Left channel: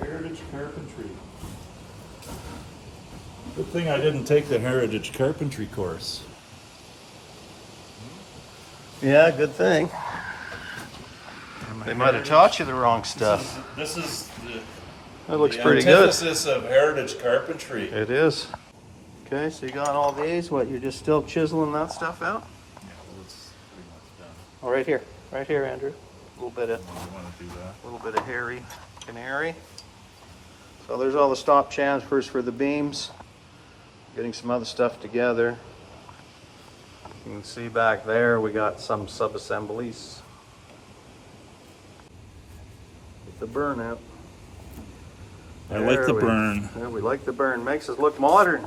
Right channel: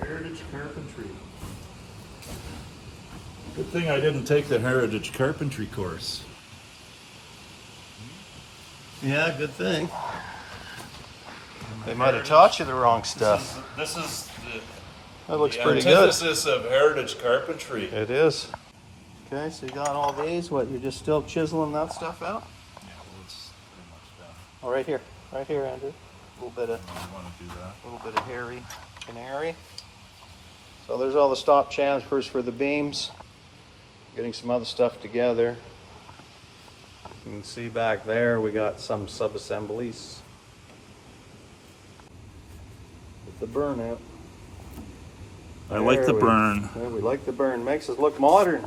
Heritage carpentry. Good thing I didn't take the heritage carpentry course. Yeah, good thing. They might have taught you the wrong stuff. This is It looks the pretty good. antithesis of heritage carpentry. It is. Okay, so you got all these. What, you're just still chiseling that stuff out? Yeah, it's pretty much done. Oh, right here, Andrew. A little bit of I want to do that. A little bit of hairy canary. So there's all the stop transfers for the beams. Getting some other stuff together. You can see back there we got some sub-assemblies with the burn out. I like the There we- burn. Yeah, we like the burn. Makes us look modern.